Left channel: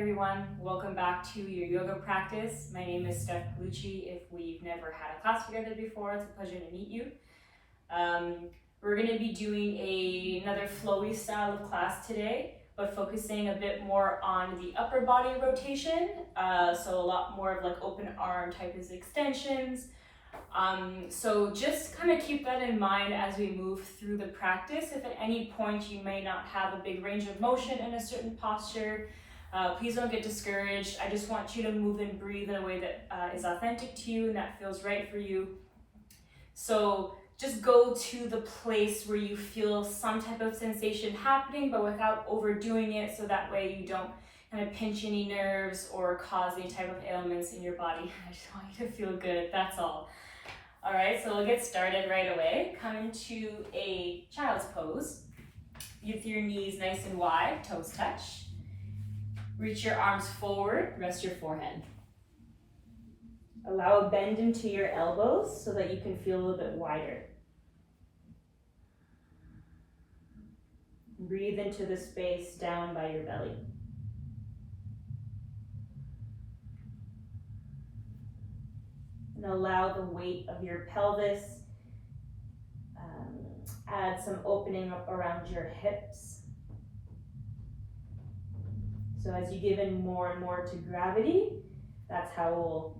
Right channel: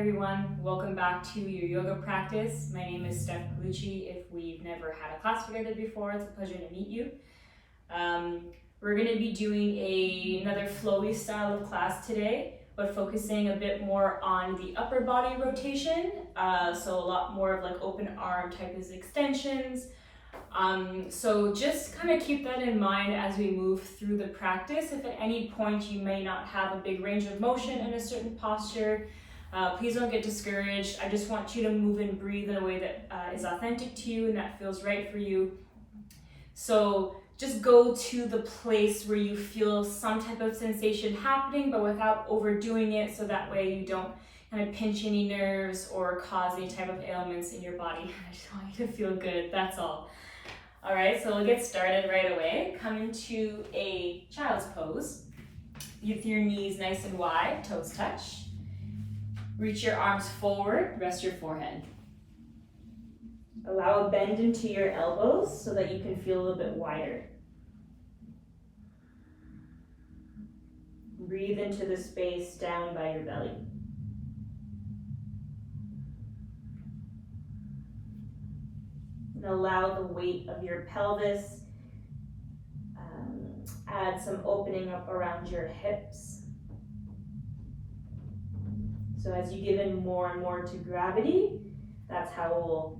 everyone, welcome back to your yoga practice. My name is Steph Palucci. If we've never had a class together before, it's a pleasure to meet you. We're going to be doing another flowy style of class today, but focusing a bit more on the upper body rotation. So a lot more of like open arm type of extensions. So just kind of keep that in mind as we move through the practice. If at any point you may not have a big range of motion in a certain posture, please don't get discouraged. I just want you to move and breathe in a way that is authentic to you and that feels right for you. So just go to the place where you feel some type of sensation happening, but without overdoing it, so that way you don't kind of pinch any nerves or cause any type of ailments in your body. I just want you to feel good, that's all. All right, so we'll get started right away. Come into a child's pose. With your knees nice and wide, toes touch. Reach your arms forward, rest your forehead. Allow a bend into your elbows so that you can feel a little bit wider. Breathe into the space down by your belly. And allow the weight of your pelvis, add some opening up around your hips. So as you give in more and more to gravity, that's how we'll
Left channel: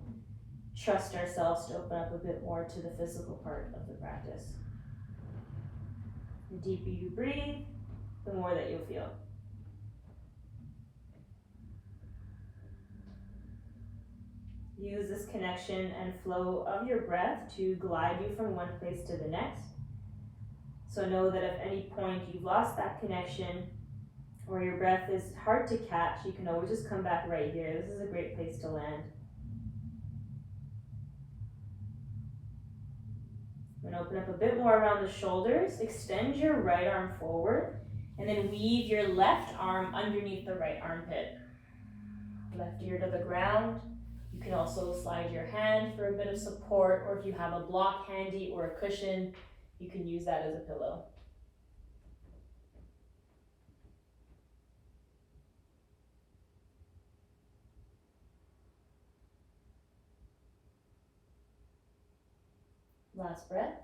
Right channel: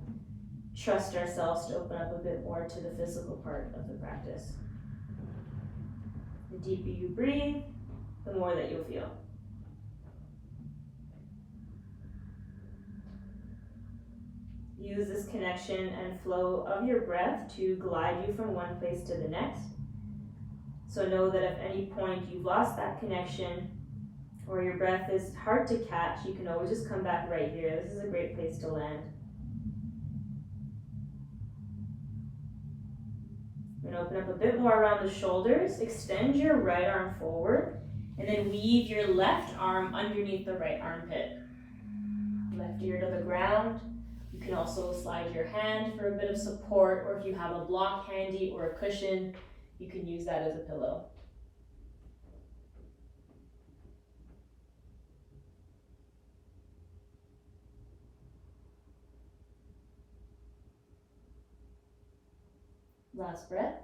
trust ourselves to open up a bit more to the physical part of the practice. The deeper you breathe, the more that you'll feel. Use this connection and flow of your breath to glide you from one place to the next. So know that if at any point you've lost that connection or your breath is hard to catch, you can always just come back right here. This is a great place to land. And open up a bit more around the shoulders. Extend your right arm forward and then weave your left arm underneath the right armpit. Left ear to the ground. You can also slide your hand for a bit of support, or if you have a block handy or a cushion, you can use that as a pillow. Last breath.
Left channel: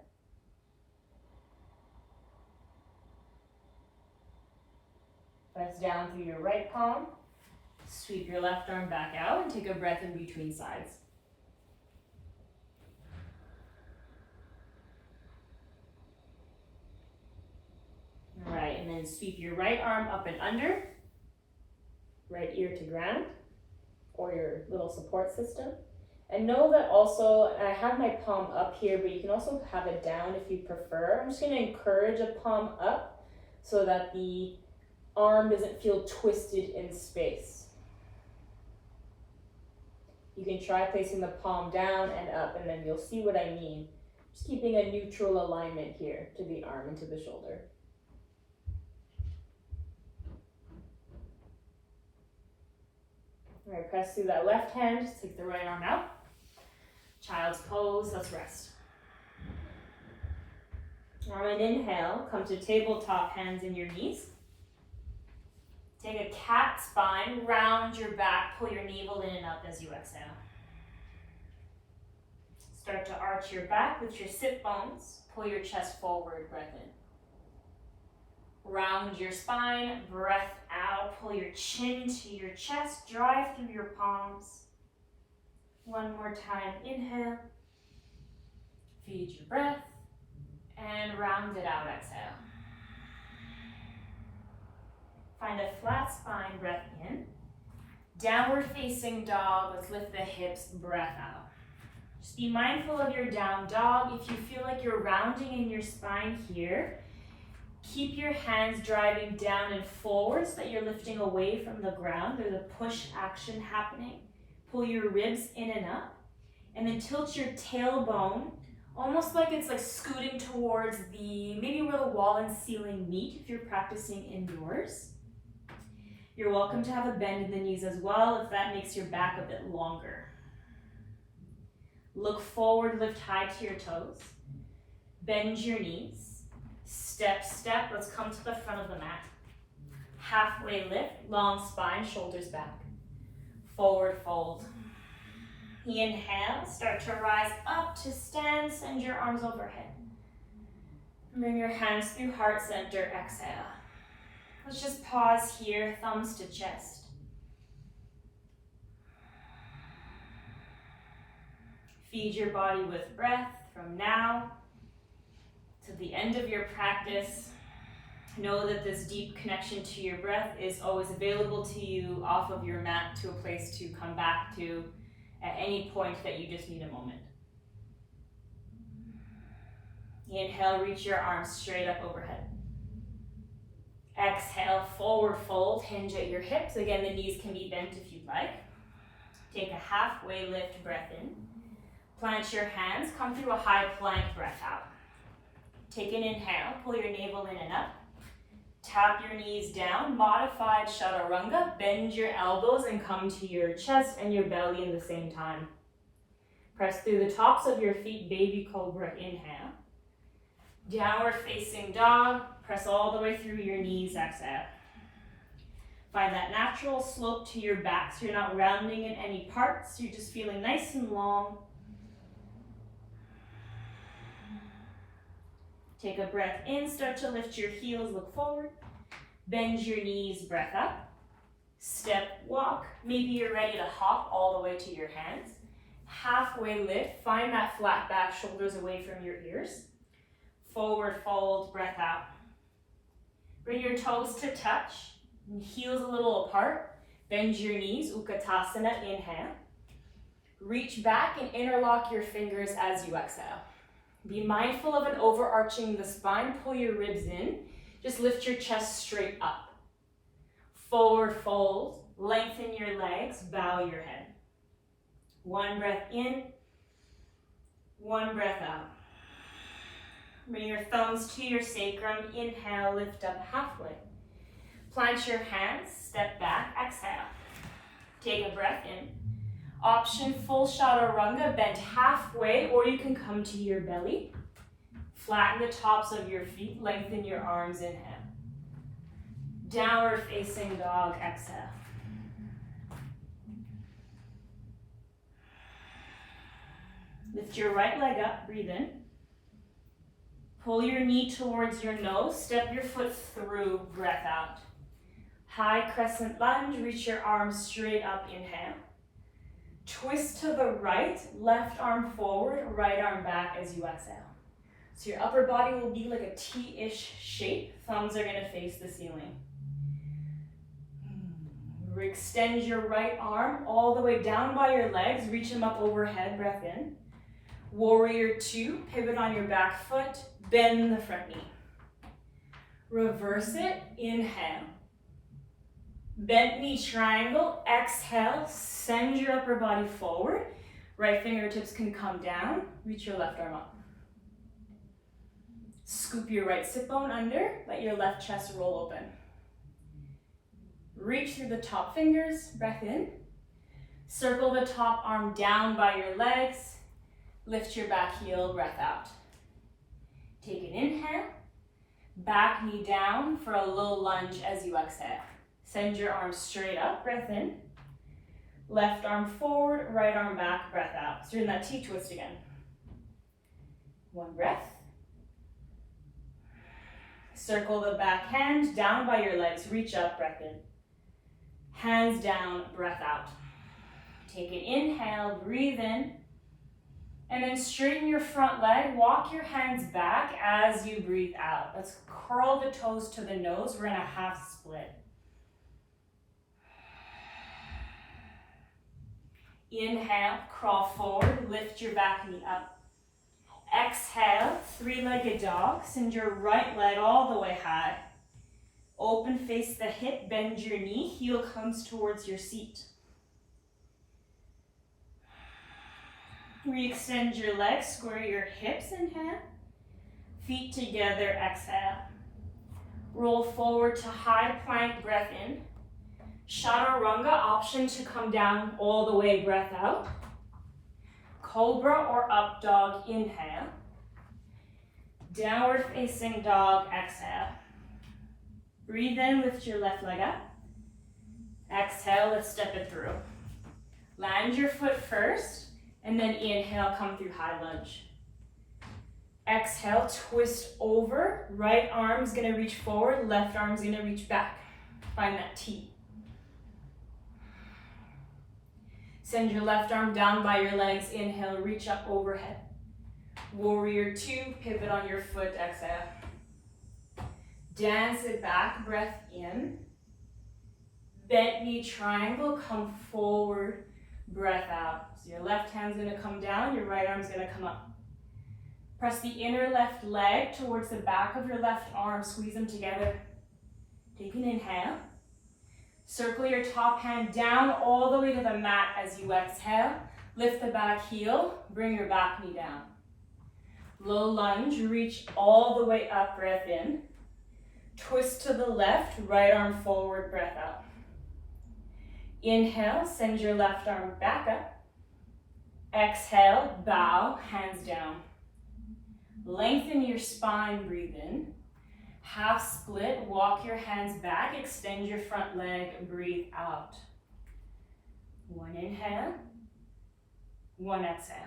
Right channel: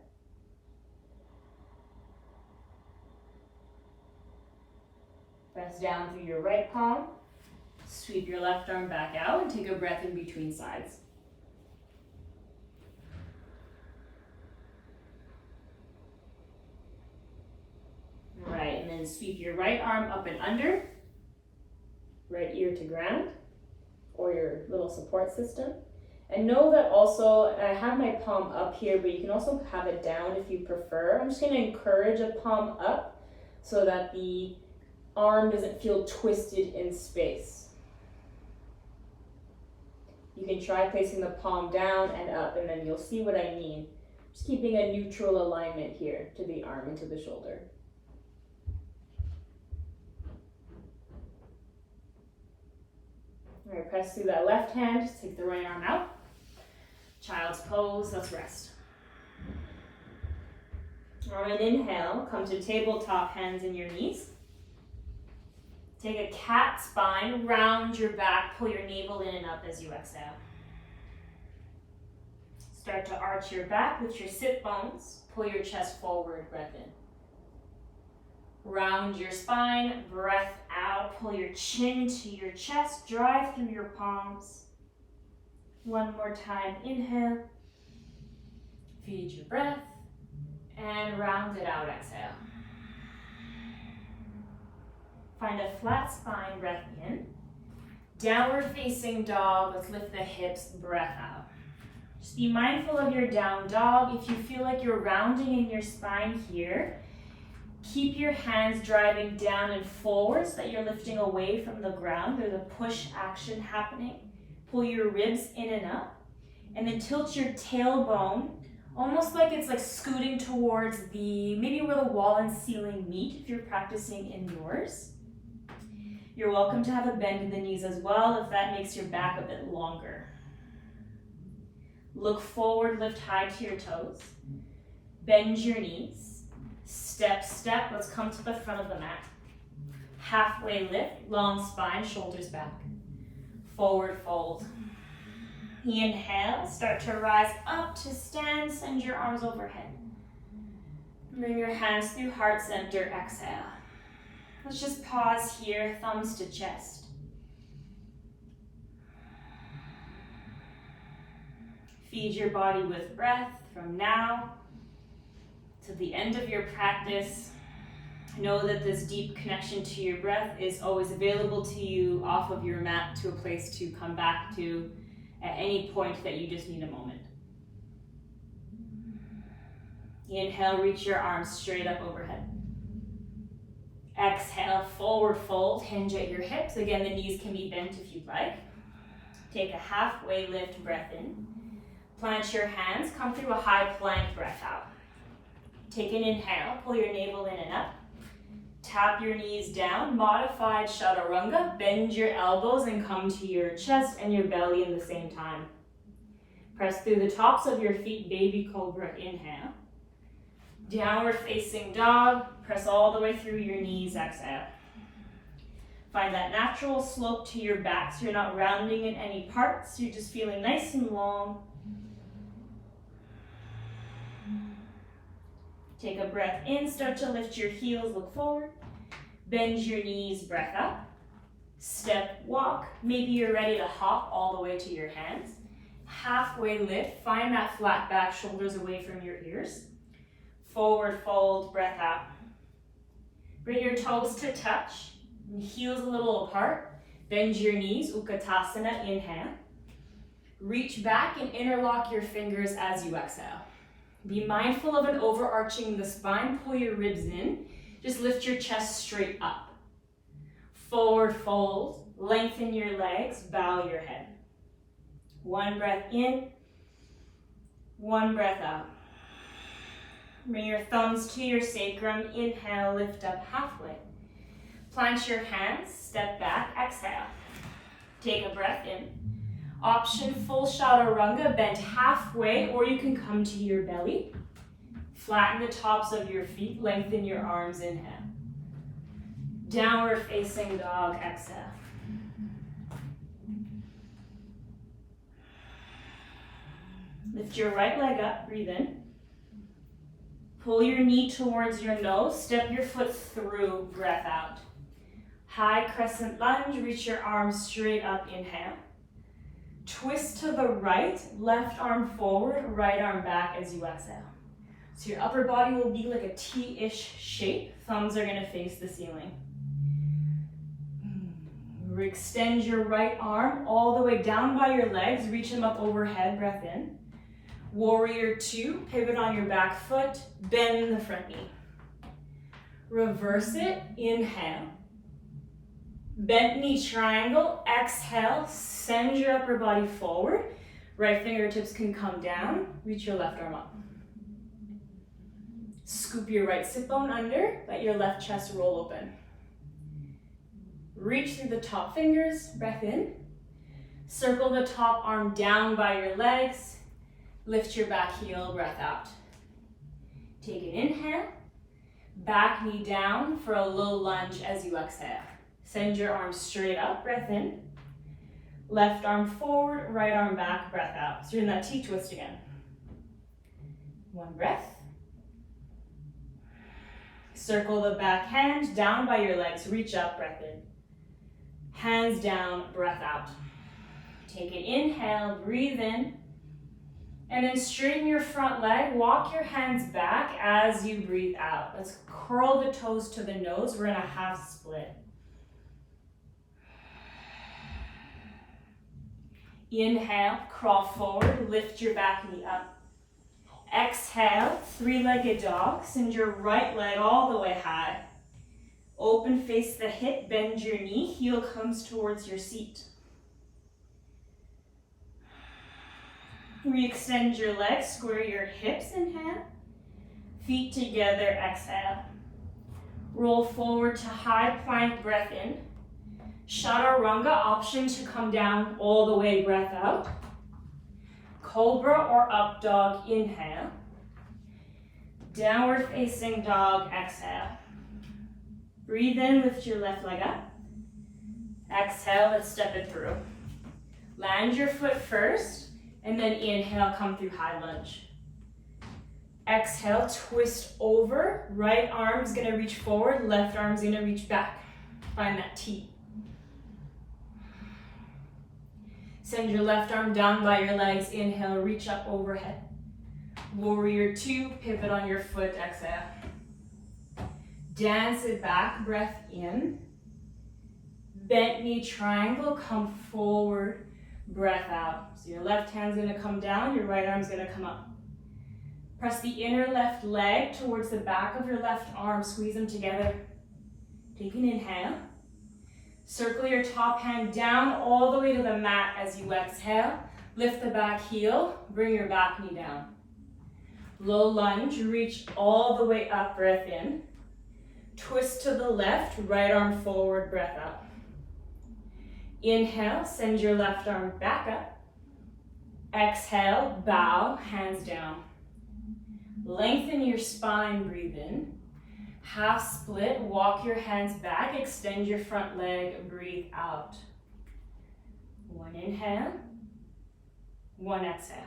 Press down through your right palm. Sweep your left arm back out and take a breath in between sides. All right, and then sweep your right arm up and under, right ear to ground, or your little support system. And know that also, I have my palm up here, but you can also have it down if you prefer. I'm just going to encourage a palm up so that the arm doesn't feel twisted in space. You can try placing the palm down and up, and then you'll see what I mean. Just keeping a neutral alignment here to the arm and to the shoulder. All right, press through that left hand, just take the right arm out. Child's pose, let's rest. On an inhale, come to tabletop, hands in your knees. Take a cat spine, round your back, pull your navel in and up as you exhale. Start to arch your back with your sit bones, pull your chest forward, breath in. Round your spine, breath out, pull your chin to your chest, drive through your palms. One more time, inhale, feed your breath, and round it out, exhale. Find a flat spine, breath in. Downward facing dog, let's lift the hips, breath out. Just be mindful of your down dog. If you feel like you're rounding in your spine here, keep your hands driving down and forward so that you're lifting away from the ground. There's a push action happening. Pull your ribs in and up, and then tilt your tailbone, almost like it's like scooting towards maybe where the wall and ceiling meet if you're practicing indoors. You're welcome to have a bend in the knees as well if that makes your back a bit longer. Look forward, lift high to your toes. Bend your knees. Step, step, let's come to the front of the mat. Halfway lift, long spine, shoulders back. Forward fold. Inhale, start to rise up to stand, send your arms overhead. Bring your hands through heart center, exhale. Let's just pause here, thumbs to chest. Feed your body with breath from now to the end of your practice. Know that this deep connection to your breath is always available to you off of your mat to a place to come back to at any point that you just need a moment. Inhale, reach your arms straight up overhead. Exhale, forward fold, hinge at your hips. Again, the knees can be bent if you'd like. Take a halfway lift, breath in. Plant your hands, come through a high plank, breath out. Take an inhale, pull your navel in and up. Tap your knees down, modified chaturanga. Bend your elbows and come to your chest and your belly in the same time. Press through the tops of your feet, baby cobra, inhale. Downward facing dog, press all the way through your knees, exhale. Find that natural slope to your back so you're not rounding in any parts, you're just feeling nice and long. Take a breath in, start to lift your heels, look forward. Bend your knees, breath up. Step, walk. Maybe you're ready to hop all the way to your hands. Halfway lift, find that flat back, shoulders away from your ears. Forward fold, breath out. Bring your toes to touch, heels a little apart. Bend your knees, Utkatasana, inhale. Reach back and interlock your fingers as you exhale. Be mindful of an overarching the spine, pull your ribs in. Just lift your chest straight up. Forward fold, lengthen your legs, bow your head. One breath in, one breath out. Bring your thumbs to your sacrum, inhale, lift up halfway. Plant your hands, step back, exhale. Take a breath in. Option full chaturanga, bend halfway, or you can come to your belly. Flatten the tops of your feet, lengthen your arms, inhale. Downward facing dog, exhale. Lift your right leg up, breathe in. Pull your knee towards your nose, step your foot through, breath out. High crescent lunge, reach your arms straight up, inhale. Twist to the right, left arm forward, right arm back as you exhale. So your upper body will be like a T-ish shape. Thumbs are gonna face the ceiling. Extend your right arm all the way down by your legs, reach them up overhead, breath in. Warrior two, pivot on your back foot, bend the front knee. Reverse it, inhale. Bent knee triangle, exhale, send your upper body forward. Right fingertips can come down, reach your left arm up. Scoop your right sit bone under, let your left chest roll open. Reach through the top fingers, breath in. Circle the top arm down by your legs. Lift your back heel, breath out. Take an inhale. Back knee down for a low lunge as you exhale. Send your arms straight up, breath in. Left arm forward, right arm back, breath out. So you're in that T-twist again. One breath. Circle the back hand down by your legs, reach up, breath in. Hands down, breath out. Take an inhale, breathe in. And then straighten your front leg, walk your hands back as you breathe out. Let's curl the toes to the nose. We're in a half split. Inhale, crawl forward, lift your back knee up. Exhale, three-legged dog. Send your right leg all the way high. Open, face the hip, bend your knee, heel comes towards your seat. Re-extend your legs, square your hips, inhale. Feet together, exhale. Roll forward to high plank, breath in. Chaturanga, option to come down all the way, breath out. Cobra or up dog, inhale. Downward facing dog, exhale. Breathe in, lift your left leg up. Exhale, let's step it through. Land your foot first, and then inhale, come through high lunge. Exhale, twist over. Right arm's gonna reach forward, left arm's gonna reach back. Find that T. Send your left arm down by your legs. Inhale, reach up overhead. Warrior two, pivot on your foot, exhale. Dance it back, breath in. Bent knee triangle, come forward, breath out. So your left hand's gonna come down, your right arm's gonna come up. Press the inner left leg towards the back of your left arm, squeeze them together. Take an inhale. Circle your top hand down all the way to the mat as you exhale. Lift the back heel, bring your back knee down. Low lunge, reach all the way up, breath in. Twist to the left, right arm forward, breath out. Inhale, send your left arm back up. Exhale, bow, hands down. Lengthen your spine, breathe in. Half split, walk your hands back, extend your front leg, breathe out. One inhale, one exhale.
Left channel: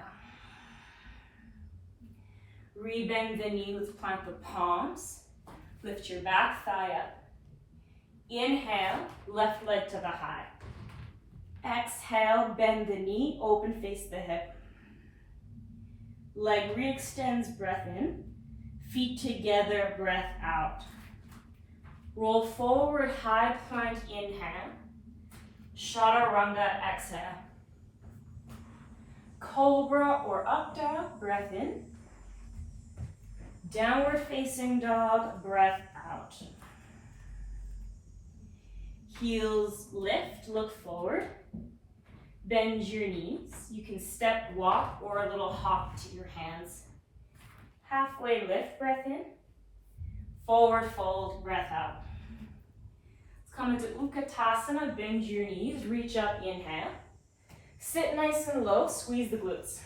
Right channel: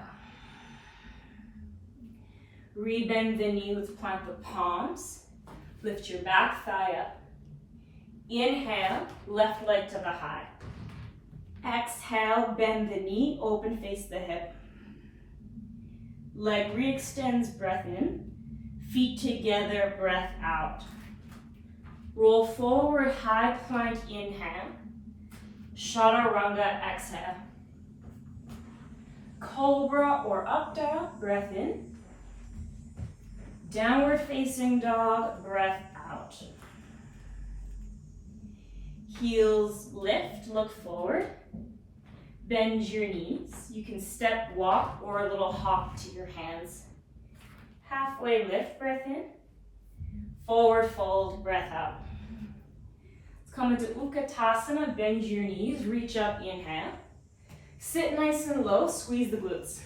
Rebend the knee, let's plant the palms. Lift your back thigh up. Inhale, left leg to the high. Exhale, bend the knee, open face the hip. Leg re-extends, breath in. Feet together, breath out. Roll forward, high plank, inhale. Chaturanga, exhale. Cobra or up dog, breath in. Downward facing dog, breath out. Heels lift, look forward. Bend your knees. You can step, walk, or a little hop to your hands. Halfway lift, breath in. Forward fold, breath out. Let's come into Utkatasana, bend your knees, reach up, inhale. Sit nice and low, squeeze the glutes.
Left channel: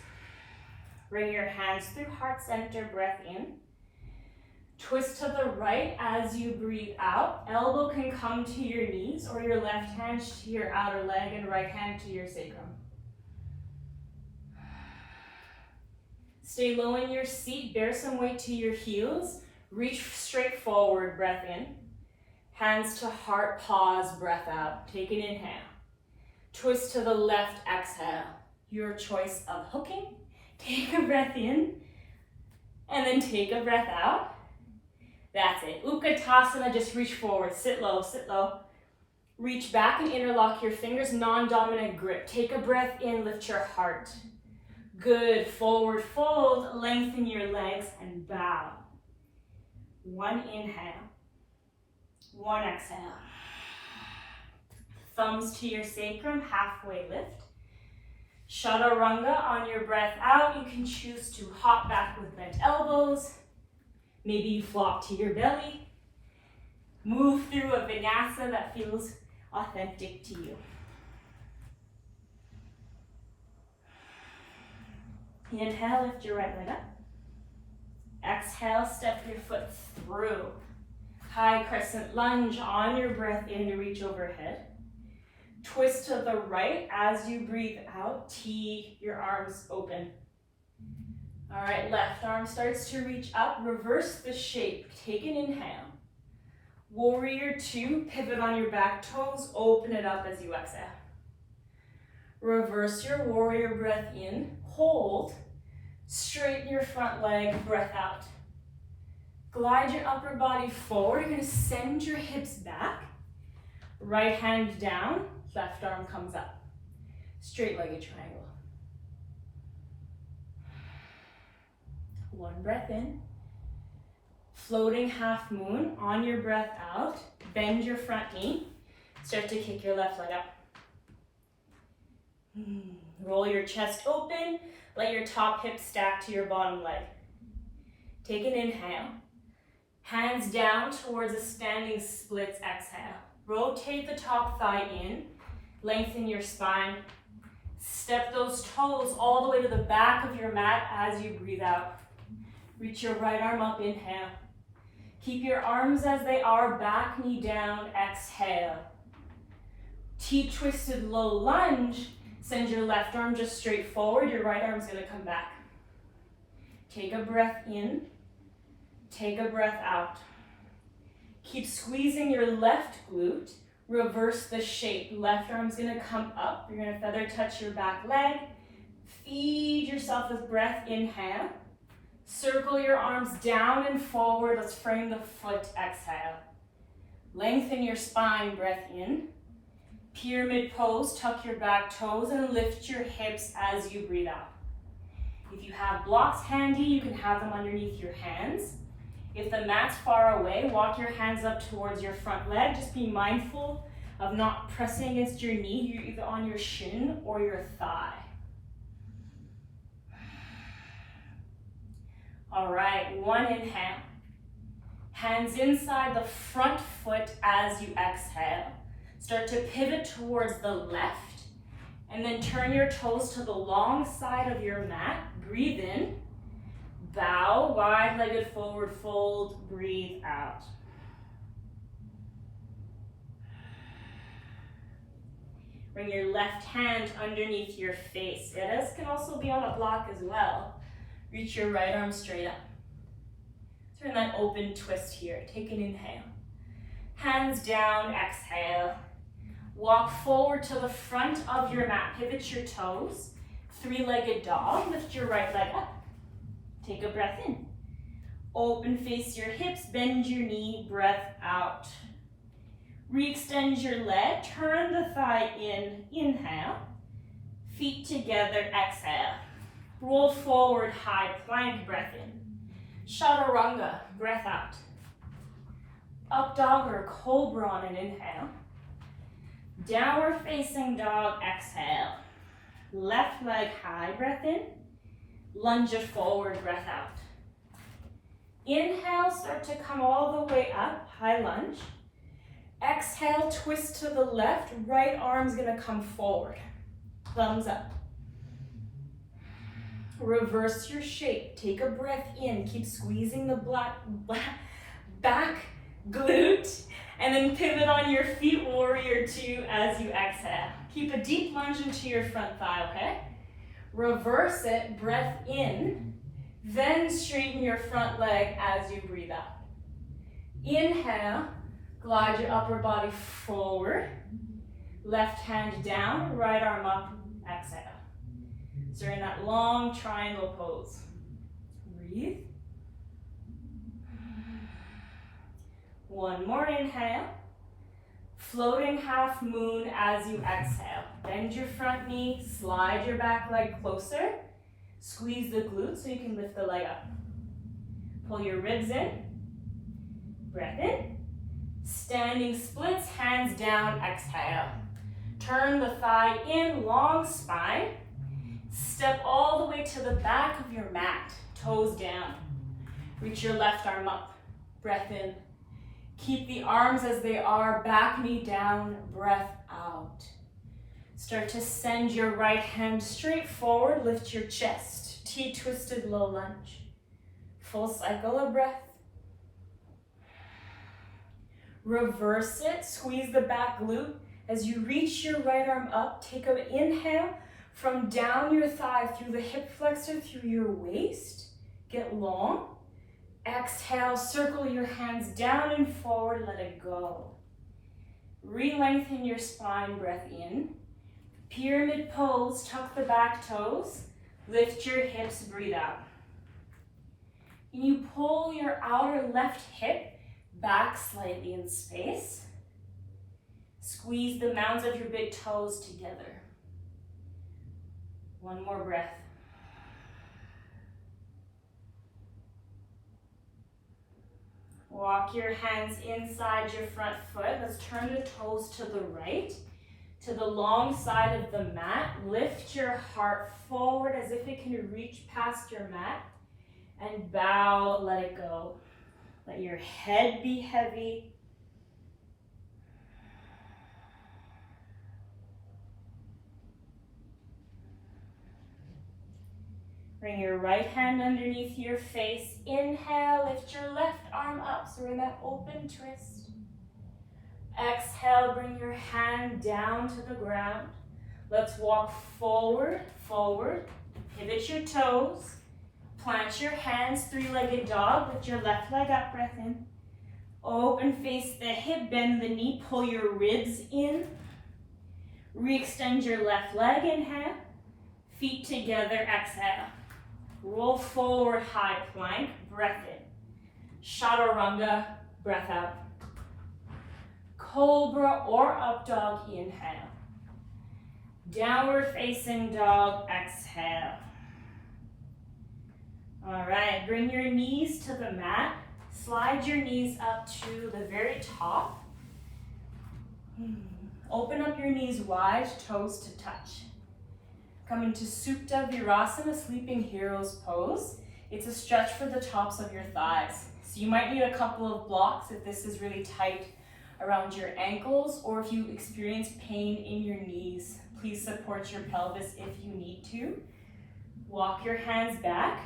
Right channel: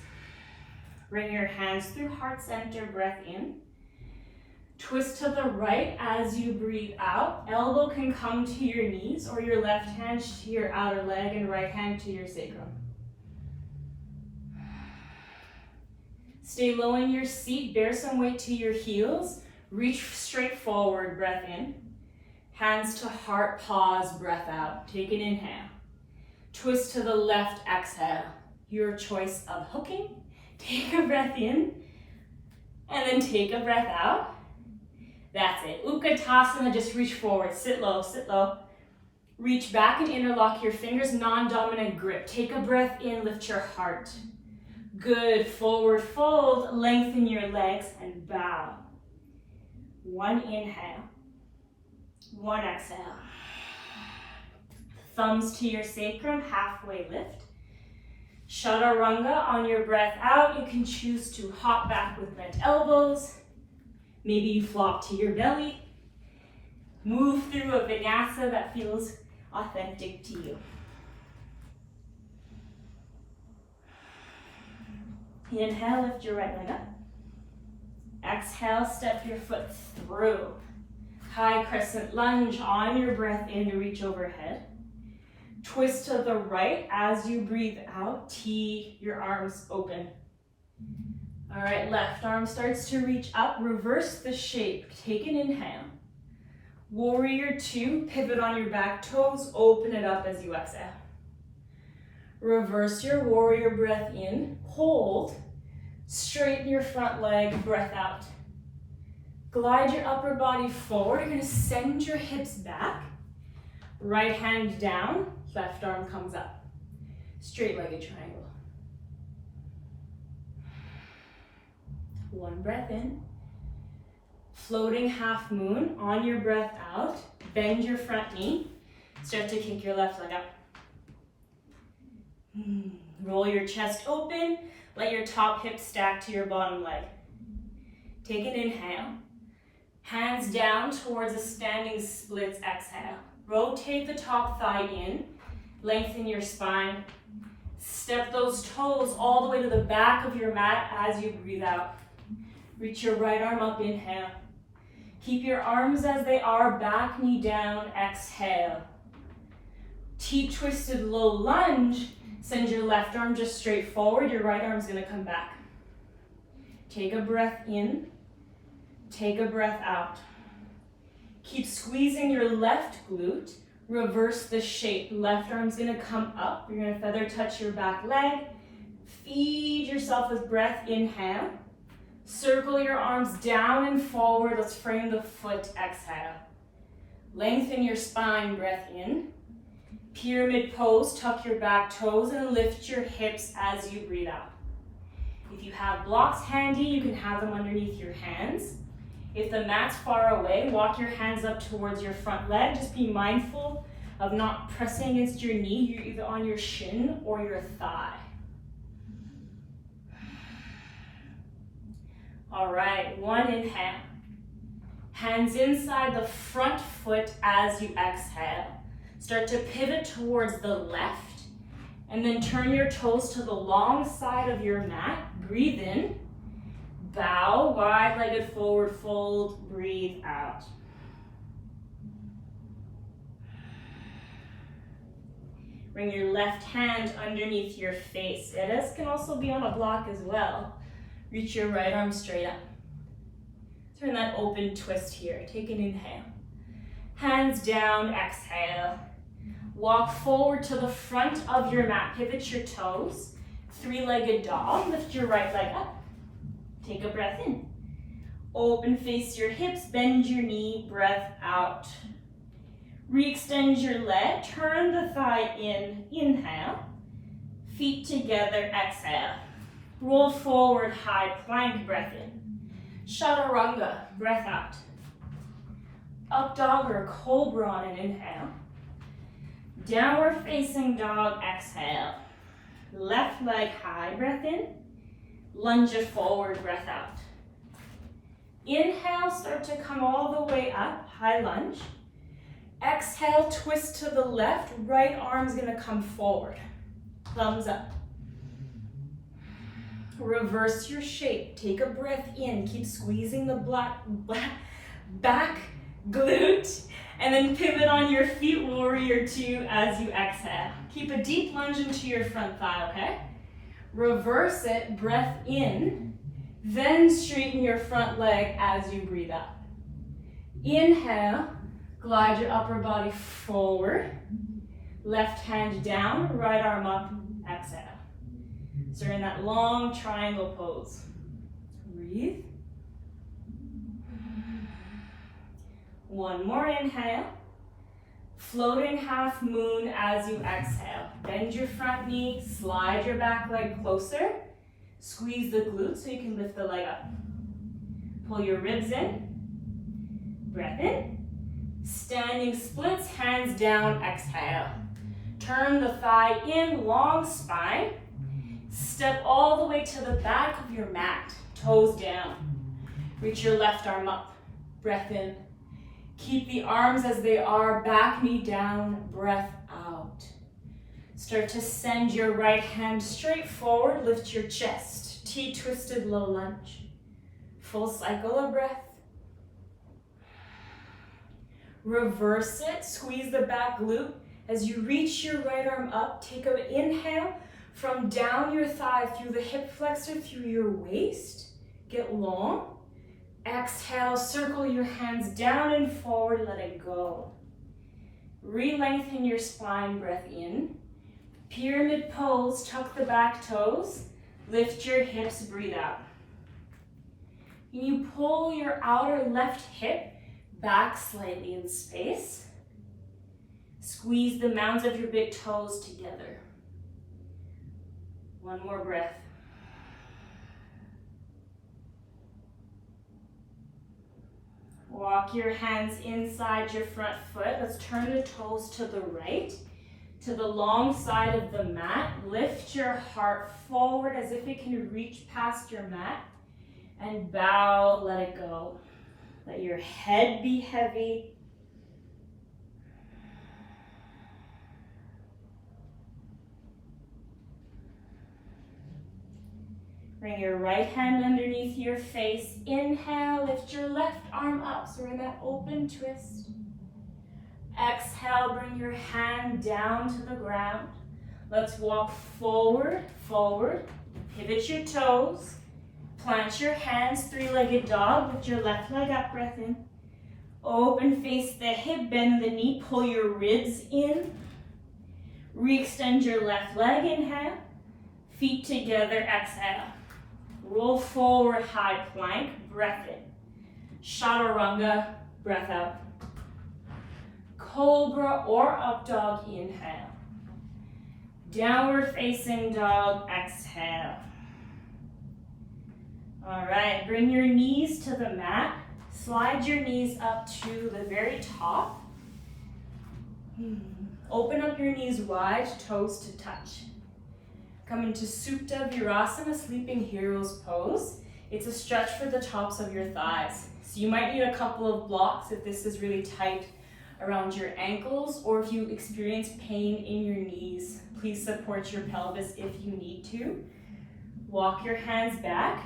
Bring your hands through heart center, breath in. Twist to the right as you breathe out. Elbow can come to your knees or your left hand to your outer leg and right hand to your sacrum. Stay low in your seat, bear some weight to your heels. Reach straight forward, breath in. Hands to heart, pause, breath out. Take an inhale. Twist to the left, exhale. Your choice of hooking. Take a breath in and then take a breath out. That's it. Utkatasana, just reach forward. Sit low, sit low. Reach back and interlock your fingers, non-dominant grip. Take a breath in, lift your heart. Good. Forward fold, lengthen your legs and bow. One inhale, one exhale. Thumbs to your sacrum, halfway lift. Chaturanga on your breath out. You can choose to hop back with bent elbows. Maybe you flop to your belly. Move through a vinyasa that feels authentic to you. Inhale, lift your right leg up. Exhale, step your foot through. High crescent lunge on your breath in to reach overhead. Twist to the right as you breathe out. Tee your arms open. All right, left arm starts to reach up. Reverse the shape. Take an inhale. Warrior two, pivot on your back toes. Open it up as you exhale. Reverse your warrior breath in. Hold. Straighten your front leg, breath out. Glide your upper body forward. You're gonna send your hips back. Right hand down, left arm comes up. Straight-legged triangle. One breath in. Floating half moon on your breath out. Bend your front knee. Start to kick your left leg up. Roll your chest open. Let your top hip stack to your bottom leg. Take an inhale. Hands down towards a standing splits, exhale. Rotate the top thigh in. Lengthen your spine. Step those toes all the way to the back of your mat as you breathe out. Reach your right arm up, inhale. Keep your arms as they are, back knee down, exhale. T-twisted low lunge. Send your left arm just straight forward, your right arm's gonna come back. Take a breath in, take a breath out. Keep squeezing your left glute, reverse the shape. Left arm's gonna come up, you're gonna feather touch your back leg, feed yourself with breath, inhale. Circle your arms down and forward, let's frame the foot, exhale. Lengthen your spine, breath in. Pyramid pose, tuck your back toes and lift your hips as you breathe out. If you have blocks handy, you can have them underneath your hands. If the mat's far away, walk your hands up towards your front leg. Just be mindful of not pressing against your knee. You're either on your shin or your thigh. All right, one inhale. Hands inside the front foot as you exhale. Start to pivot towards the left and then turn your toes to the long side of your mat. Breathe in, bow, wide-legged forward fold, breathe out. Bring your left hand underneath your face. This can also be on a block as well. Reach your right arm straight up. Turn that open twist here. Take an inhale. Hands down, exhale. Walk forward to the front of your mat. Pivot your toes. Three-legged dog. Lift your right leg up. Take a breath in. Open, face your hips. Bend your knee. Breath out. Re-extend your leg. Turn the thigh in. Inhale. Feet together. Exhale. Roll forward, high plank. Breath in. Chaturanga. Breath out. Up dog or cobra on an inhale. Downward facing dog, exhale. Left leg high, breath in. Lunge it forward, breath out. Inhale, start to come all the way up, high lunge. Exhale, twist to the left, right arm's gonna come forward. Thumbs up. Reverse your shape, take a breath in, keep squeezing the back glute, and then pivot on your feet, warrior two, as you exhale. Keep a deep lunge into your front thigh, okay? Reverse it, breath in, then straighten your front leg as you breathe out. Inhale, glide your upper body forward, left hand down, right arm up, exhale. So you're in that long triangle pose. Breathe. One more inhale. Floating half moon as you exhale. Bend your front knee, slide your back leg closer. Squeeze the glutes so you can lift the leg up. Pull your ribs in. Breath in. Standing splits, hands down, exhale. Turn the thigh in, long spine. Step all the way to the back of your mat, toes down. Reach your left arm up, breath in. Keep the arms as they are, back knee down, breath out. Start to send your right hand straight forward, lift your chest, T-twisted low lunge. Full cycle of breath. Reverse it, squeeze the back glute. As you reach your right arm up, take an inhale from down your thigh through the hip flexor, through your waist. Get long. Exhale, circle your hands down and forward, let it go. Re-lengthen your spine, breath in. Pyramid pose, tuck the back toes. Lift your hips, breathe out. Can you pull your outer left hip back slightly in space? Squeeze the mounds of your big toes together. One more breath. Walk your hands inside your front foot. Let's turn the toes to the right, to the long side of the mat. Lift your heart forward as if it can reach past your mat. And bow, let it go. Let your head be heavy. Bring your right hand underneath your face. Inhale, lift your left arm up. So we're in that open twist. Exhale, bring your hand down to the ground. Let's walk forward, forward. Pivot your toes. Plant your hands, three-legged dog. Lift your left leg up, breath in. Open, face the hip, bend the knee, pull your ribs in. Re-extend your left leg, inhale. Feet together, exhale. Roll forward, high plank, breath in. Chaturanga, breath out. Cobra or up dog, inhale. Downward facing dog, exhale. All right, bring your knees to the mat. Slide your knees up to the very top. Open up your knees wide, toes to touch. Come into Supta Virasana, Sleeping Heroes pose. It's a stretch for the tops of your thighs. So you might need a couple of blocks if this is really tight around your ankles, or if you experience pain in your knees. Please support your pelvis if you need to. Walk your hands back.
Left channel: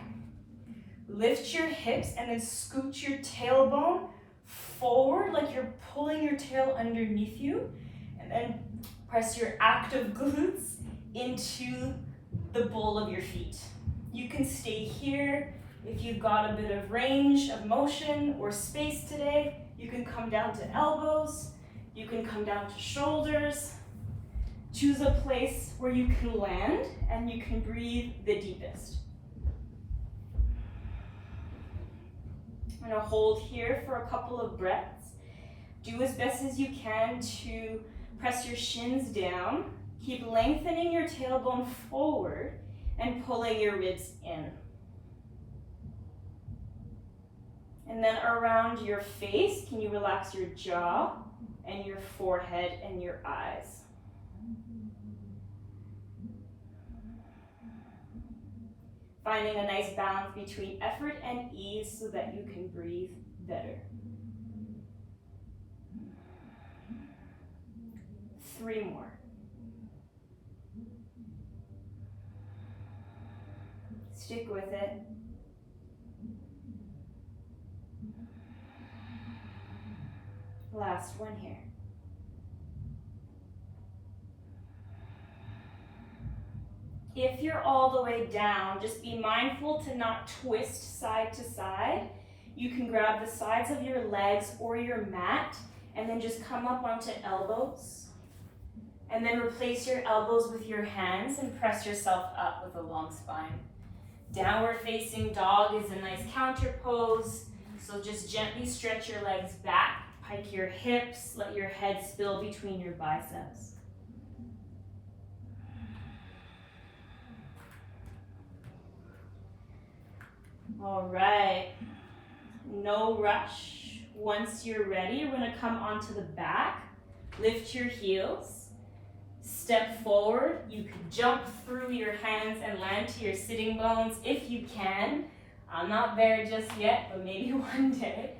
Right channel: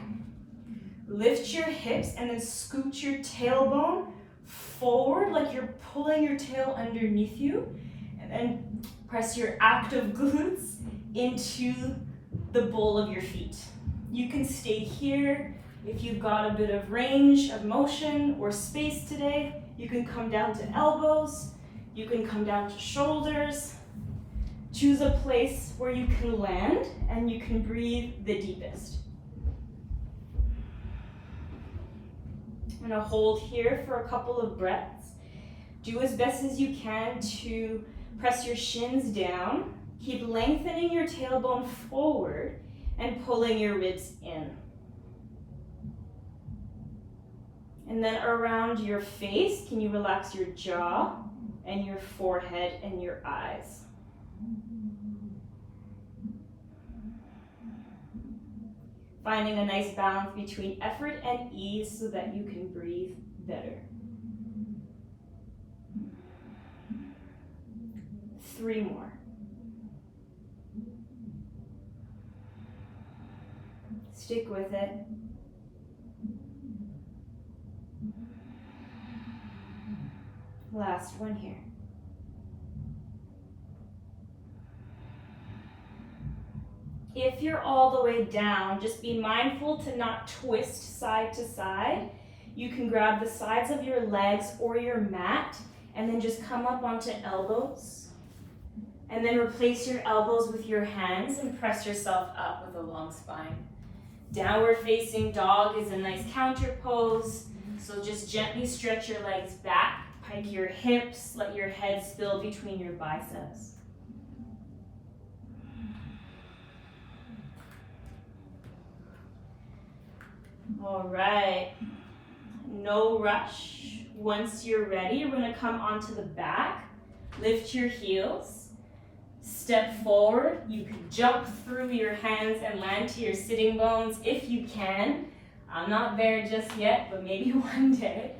Lift your hips and then scoot your tailbone forward like you're pulling your tail underneath you. And then press your active glutes into the bole of your feet. You can stay here if you've got a bit of range of motion or space today. You can come down to elbows. You can come down to shoulders. Choose a place where you can land and you can breathe the deepest. I'm gonna hold here for a couple of breaths. Do as best as you can to press your shins down. Keep lengthening your tailbone forward and pulling your ribs in. And then around your face, can you relax your jaw and your forehead and your eyes? Finding a nice balance between effort and ease so that you can breathe better. 3 more. Stick with it. Last one here. If you're all the way down, just be mindful to not twist side to side. You can grab the sides of your legs or your mat and then just come up onto elbows. And then replace your elbows with your hands and press yourself up with a long spine. Downward facing dog is a nice counter pose. So just gently stretch your legs back, pike your hips, let your head spill between your biceps. All right, no rush. Once you're ready, we're gonna come onto the back, lift your heels, step forward. You can jump through your hands and land to your sitting bones if you can. I'm not there just yet, but maybe one day.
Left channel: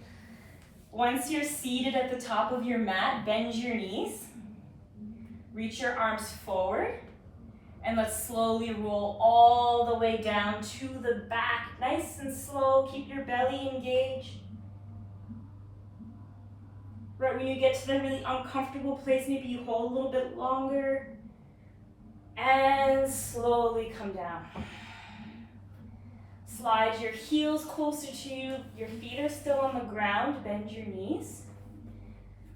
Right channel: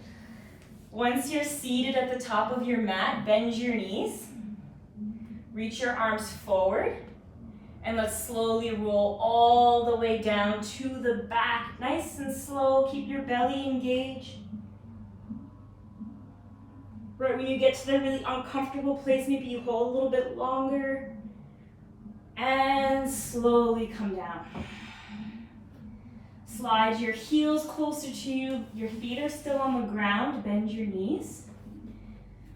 Once you're seated at the top of your mat, bend your knees, reach your arms forward, and let's slowly roll all the way down to the back. Nice and slow, keep your belly engaged. Right when you get to the really uncomfortable place, maybe you hold a little bit longer, and slowly come down. Slide your heels closer to you. Your feet are still on the ground. Bend your knees.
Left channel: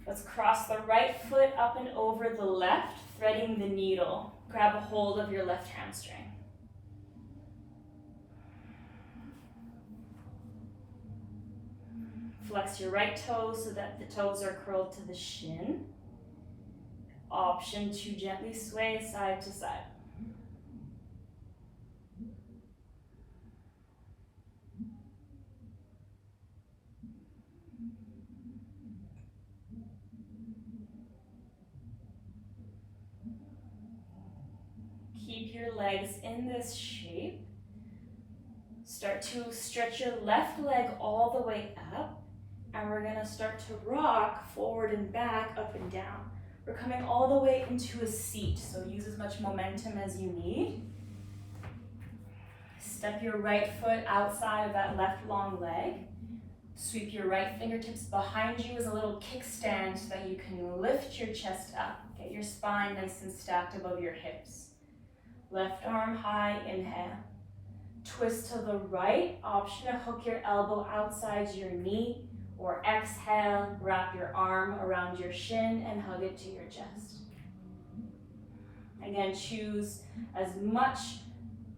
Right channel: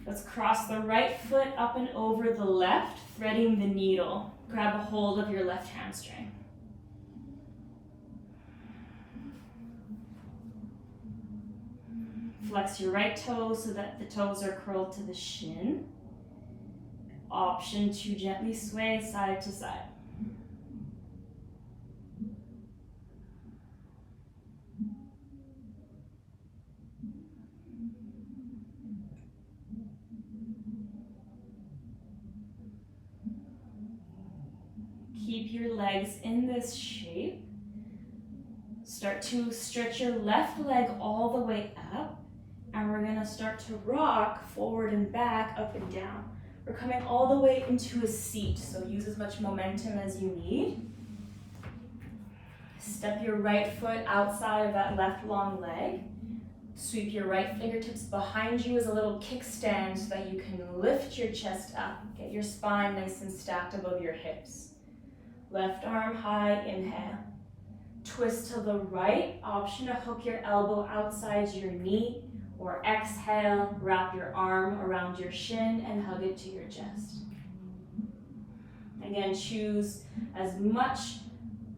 Let's cross the right foot up and over the left, threading the needle. Grab a hold of your left hamstring. Flex your right toes so that the toes are curled to the shin. Option to gently sway side to side. Keep your legs in this shape. Start to stretch your left leg all the way up, and we're gonna start to rock forward and back, up and down. We're coming all the way into a seat, so use as much momentum as you need. Step your right foot outside of that left long leg. Sweep your right fingertips behind you as a little kickstand so that you can lift your chest up. Get Get your spine nice and stacked above your hips. Left arm high, inhale. Twist to the right, option to hook your elbow outside your knee, or exhale, wrap your arm around your shin and hug it to your chest. Again, choose as much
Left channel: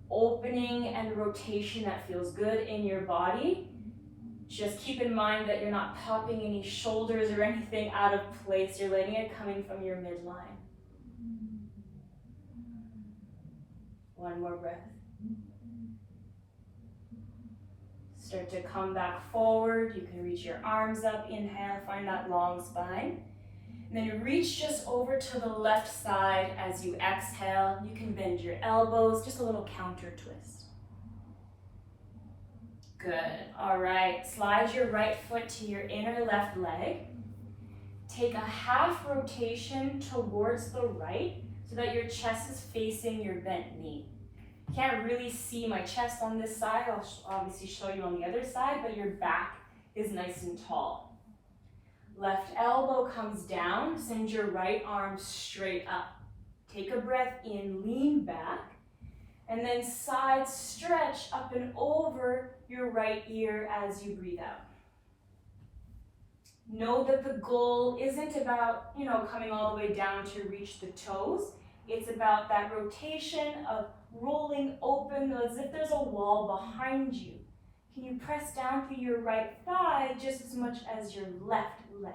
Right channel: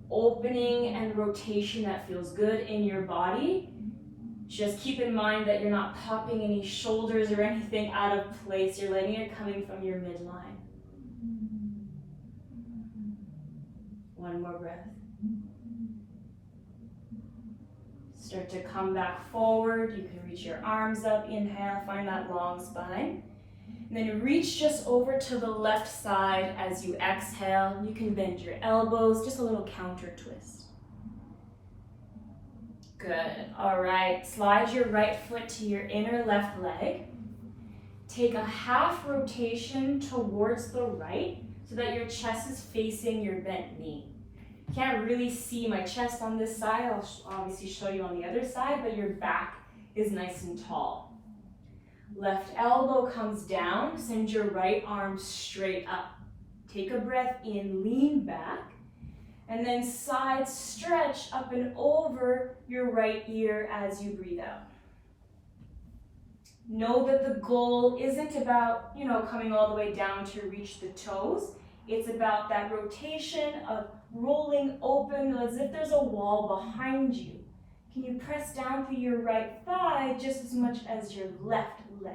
opening and rotation that feels good in your body. Just keep in mind that you're not popping any shoulders or anything out of place. You're letting it coming from your midline. One more breath. Start to come back forward. You can reach your arms up. Inhale, find that long spine. And then reach just over to the left side as you exhale. You can bend your elbows, just a little counter twist. Good. All right, slide your right foot to your inner left leg. Take a half rotation towards the right so that your chest is facing your bent knee. You can't really see my chest on this side. I'll obviously show you on the other side, but your back is nice and tall. Left elbow comes down, send your right arm straight up. Take a breath in, lean back, and then side stretch up and over your right ear as you breathe out. Know that the goal isn't about, coming all the way down to reach the toes. It's about that rotation of rolling open as if there's a wall behind you. Can you press down through your right thigh just as much as your left leg?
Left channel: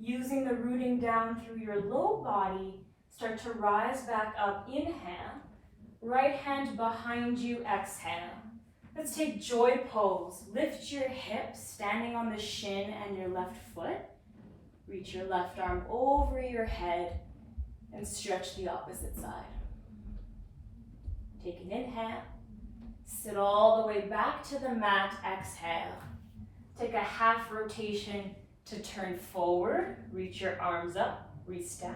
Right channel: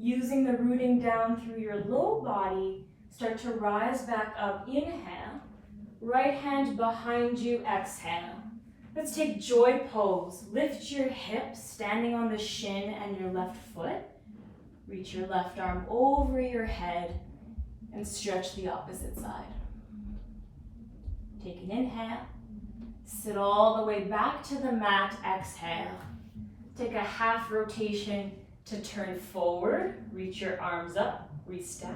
Using the rooting down through your low body, start to rise back up. Inhale. Right hand behind you. Exhale. Let's take joy pose. Lift your hips, standing on the shin and your left foot. Reach your left arm over your head and stretch the opposite side. Take an inhale. Sit all the way back to the mat. Exhale. Take a half rotation to turn forward. Reach your arms up. Restack.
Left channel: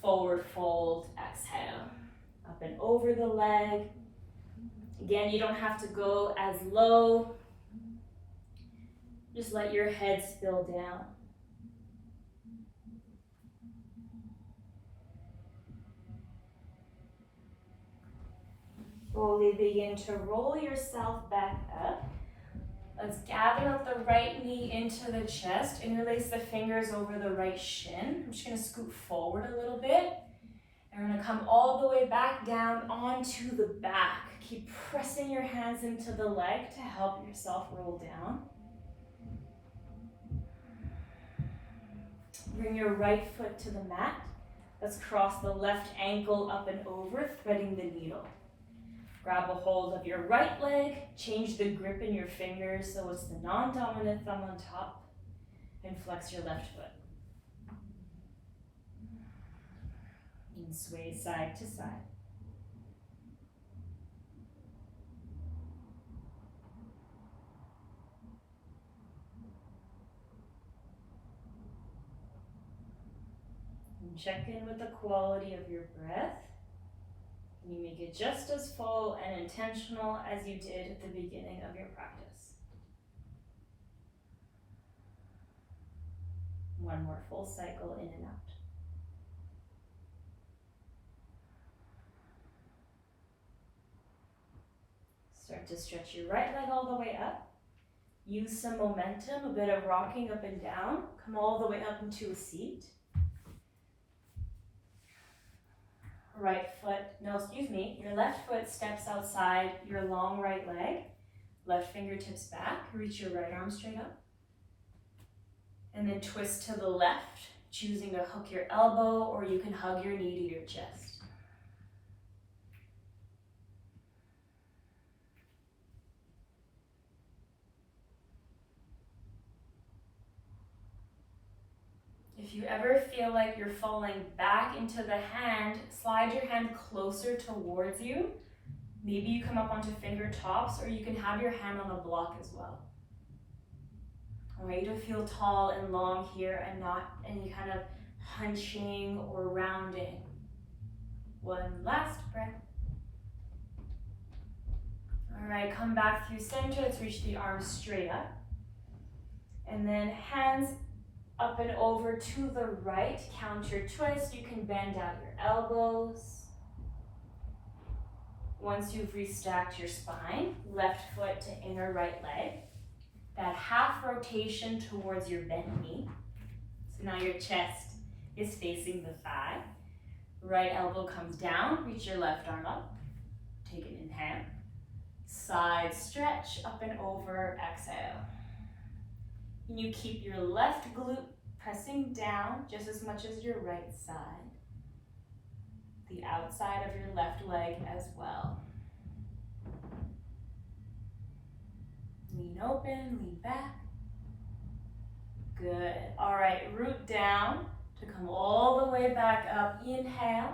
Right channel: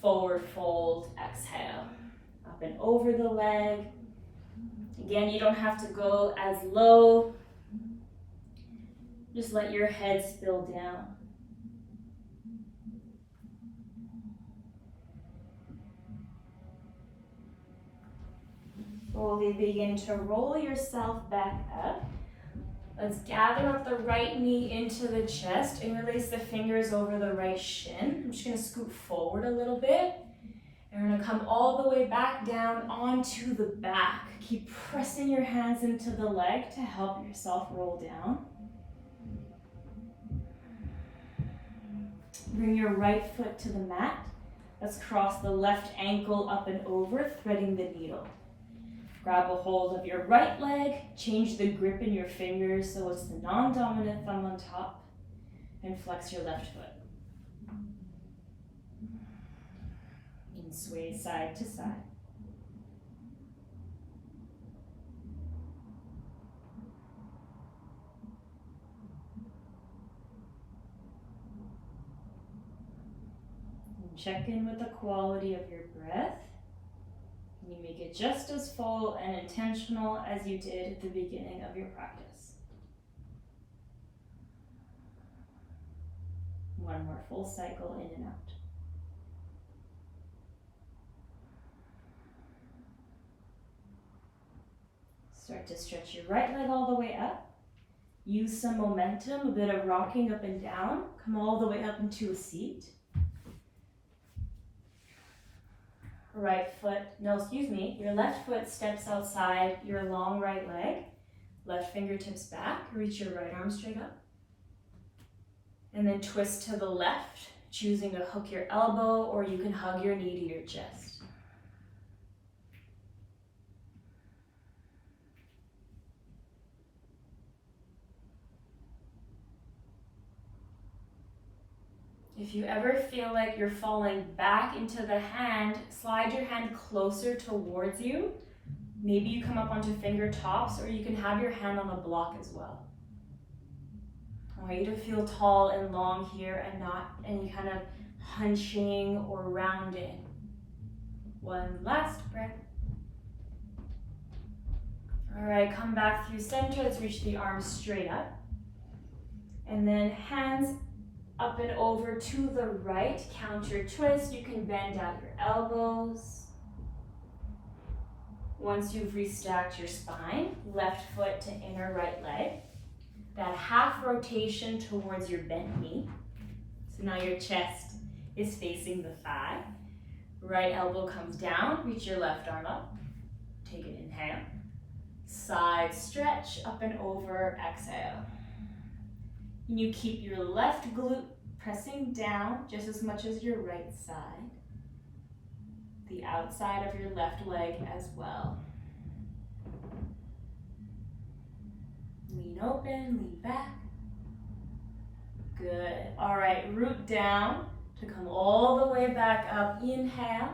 Forward fold. Exhale. Up and over the leg. Again, you don't have to go as low. Just let your head spill down. Slowly begin to roll yourself back up. Let's gather up the right knee into the chest. Interlace the fingers over the right shin. I'm just going to scoot forward a little bit. And we're going to come all the way back down onto the back. Keep pressing your hands into the leg to help yourself roll down. Bring your right foot to the mat. Let's cross the left ankle up and over, threading the needle. Grab a hold of your right leg, change the grip in your fingers so it's the non-dominant thumb on top, and flex your left foot. And sway side to side. And check in with the quality of your breath. You make it just as full and intentional as you did at the beginning of your practice. One more full cycle in and out. Start to stretch your right leg all the way up. Use some momentum, a bit of rocking up and down. Come all the way up into a seat. Your left foot steps outside your long right leg. Left fingertips back, reach your right arm straight up. And then twist to the left, choosing to hook your elbow, or you can hug your knee to your chest. If you ever feel like you're falling back into the hand, slide your hand closer towards you. Maybe you come up onto finger tops, or you can have your hand on a block as well. I want you to feel tall and long here and not any kind of hunching or rounding. One last breath. All right, come back through center. Let's reach the arms straight up. And then hands Up and over to the right, counter twist. You can bend out your elbows. Once you've restacked your spine, left foot to inner right leg. That half rotation towards your bent knee. So now your chest is facing the thigh. Right elbow comes down, reach your left arm up. Take an inhale. Side stretch, up and over, exhale. And you keep your left glute pressing down just as much as your right side. The outside of your left leg as well. Lean open, lean back. Good. All right, root down to come all the way back up. Inhale,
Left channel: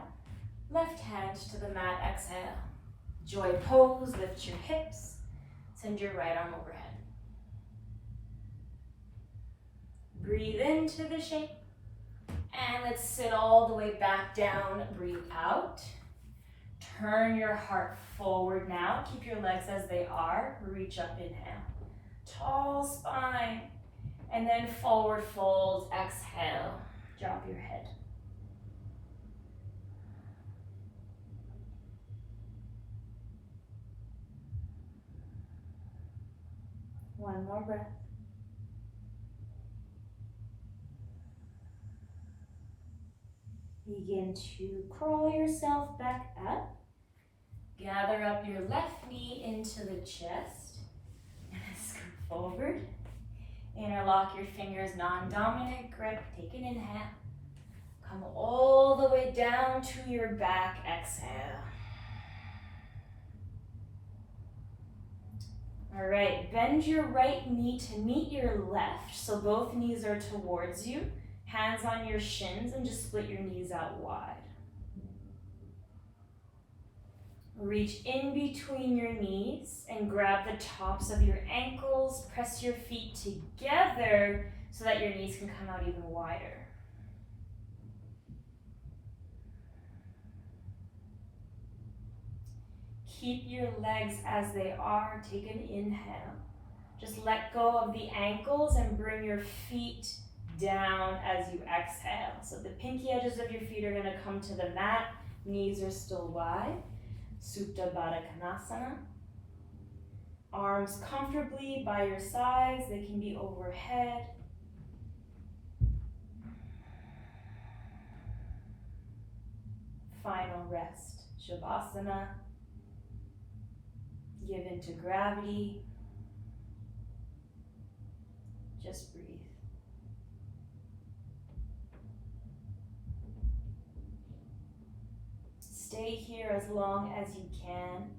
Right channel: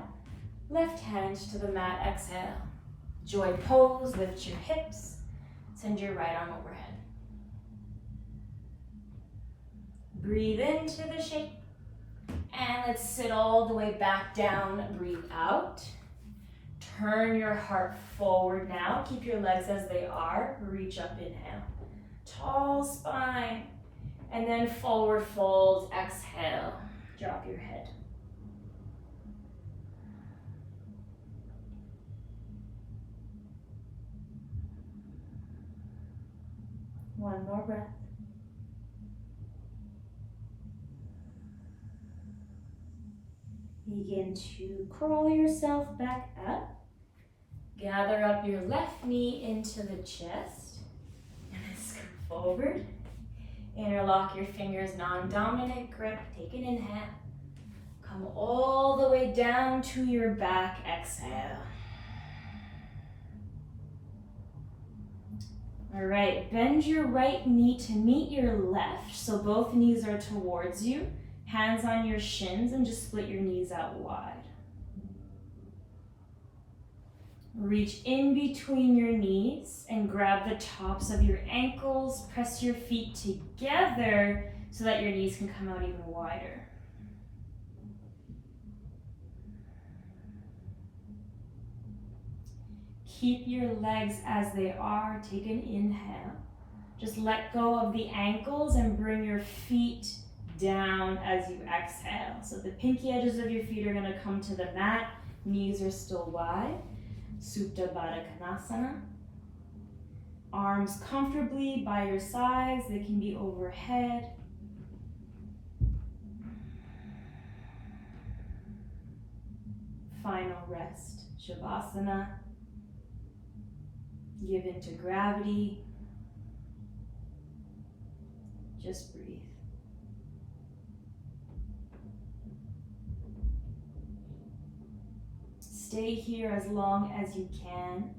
left hand to the mat, exhale. Joy pose, lift your hips. Send your right arm overhead. Breathe into the shape. And let's sit all the way back down. Breathe out. Turn your heart forward now. Keep your legs as they are. Reach up, inhale. Tall spine. And then forward fold, exhale. Drop your head. One more breath. Begin to crawl yourself back up. Gather up your left knee into the chest. And then scoot forward. Interlock your fingers, non-dominant grip. Take an inhale. Come all the way down to your back. Exhale. All right, bend your right knee to meet your left. So both knees are towards you. Hands on your shins and just split your knees out wide. Reach in between your knees and grab the tops of your ankles. Press your feet together so that your knees can come out even wider. Keep your legs as they are. Take an inhale. Just let go of the ankles and bring your feet down as you exhale. So the pinky edges of your feet are going to come to the mat. Knees are still wide. Supta Baddha Konasana. Arms comfortably by your sides. They can be overhead. Final rest. Shavasana. Give into gravity. Just breathe. Stay here as long as you can.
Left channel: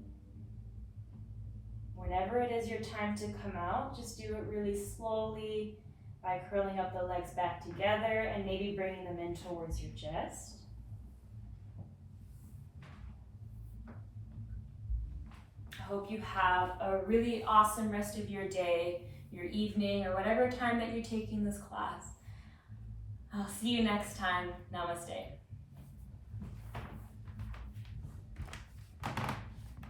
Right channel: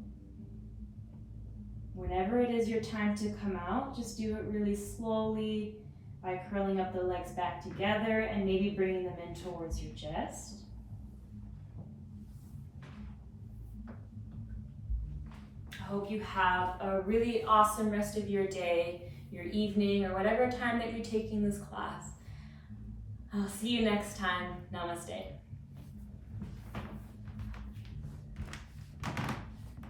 Whenever it is your time to come out, just do it really slowly by curling up the legs back together and maybe bringing them in towards your chest. I hope you have a really awesome rest of your day, your evening, or whatever time that you're taking this class. I'll see you next time. Namaste.